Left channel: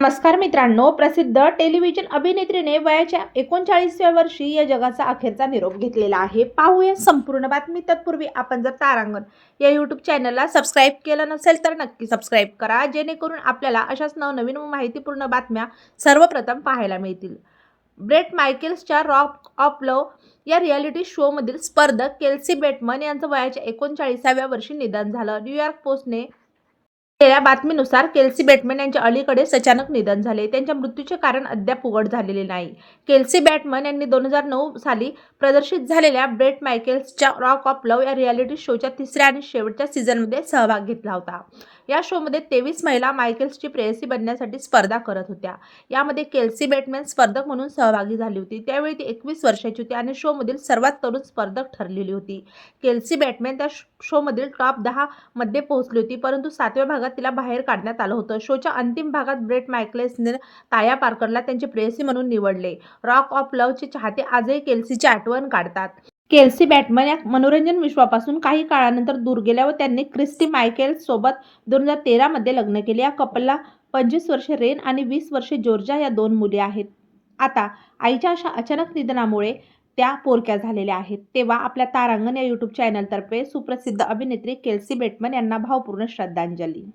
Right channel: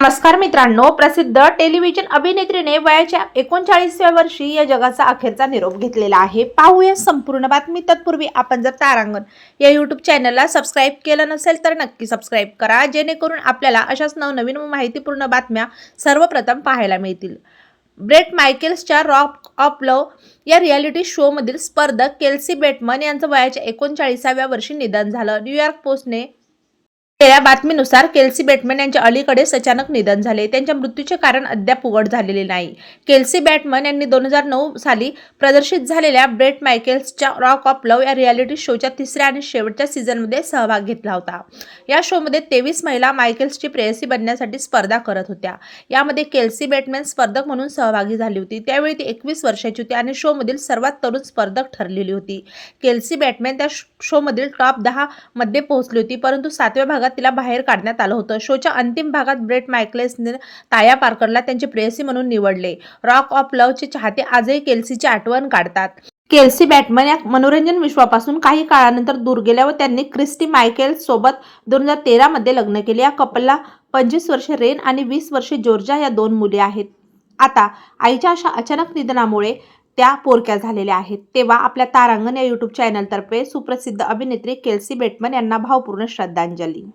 नमस्कार मित्रांनो, प्रसिद्ध टेलिव्हिजन अभिनेत्रीने वयाच्या 39व्या वर्षी या जगाचा अखेरचा निरोप घेतलेला आहे. पाहूया संपूर्ण बातमी. तत्पूर्वी आपण जर तारांगण या यूट्यूब चॅनलला सबस्क्राईब केलं नसेल तर नक्की सबस्क्राईब करा, जेणेकरून आपल्याला अशाच नवनवीन व माहितीपूर्ण बातम्या सर्वप्रथम पाहायला मिळतील. ब्रेट मायकेल्सच्या रॉक ऑफ लव्ह या रियालिटी शोमधील स्पर्धक केल्सी बेटमन यांचं वयाच्या 39व्या वर्षी निधन झालं. न्यूयॉर्क पोस्टने या बातमीनुसार केल्सी बेटमन यांचे अलीकडेच अचानक निधन झाले. त्यांच्या मृत्यूचे कारण अद्याप उघड झालेले नाही. केल्सी बेटमन यांनी 2009 साली प्रदर्शित झालेल्या ब्रेट मायकेल्सच्या रॉक ऑफ लव्ह या रियालिटी शोच्या तिसऱ्या आणि शेवटच्या सीझनमध्ये सहभाग घेतला होता. या शोमध्ये 23 महिला मायकेल्सची प्रेयसी बनण्यासाठी स्पर्धा करत होत्या. यामध्ये केल्सी बेटमन स्पर्धक म्हणून सहभागी झाली होती. त्यावेळी ती 21 वर्षांची होती आणि शोमधील सर्वात तरुण स्पर्धक ठरलेली होती. केल्सी बेटमन त्या शोमधील टॉप 10 मध्ये पोहोचली होती, परंतु 7व्या भागात तिला बाहेर काढण्यात आलं होतं. शोच्या अंतिम भागात ब्रेट मायकेल्सने ताया पार्करला त्यांची प्रेयसी म्हणून निवडले. रॉक ऑफ लव्हचे चाहते आजही केल्सीची आठवण काढतात. केल्सी बेटमन या मनोरंजन विश्वापासून काही काळानंतर दूर गेल्या व त्यांनी क्रिस्टी मायकेल्स सोबत 2013 मध्ये लग्न केले. या कपलला 25 वर्षे रेन आणि 20 वर्षे जॉर्जिया या 2 मुले आहेत. आता आईच्या अशा अचानक निधनामुळे त्या पोरक्या झालेल्या आहेत. तेव्हा आपल्या तारांगण या यूट्यूब चॅनलतर्फे सुप्रसिद्ध अभिनेत्री केल्सी बेटमन यांना भावपूर्ण श्रद्धांजली.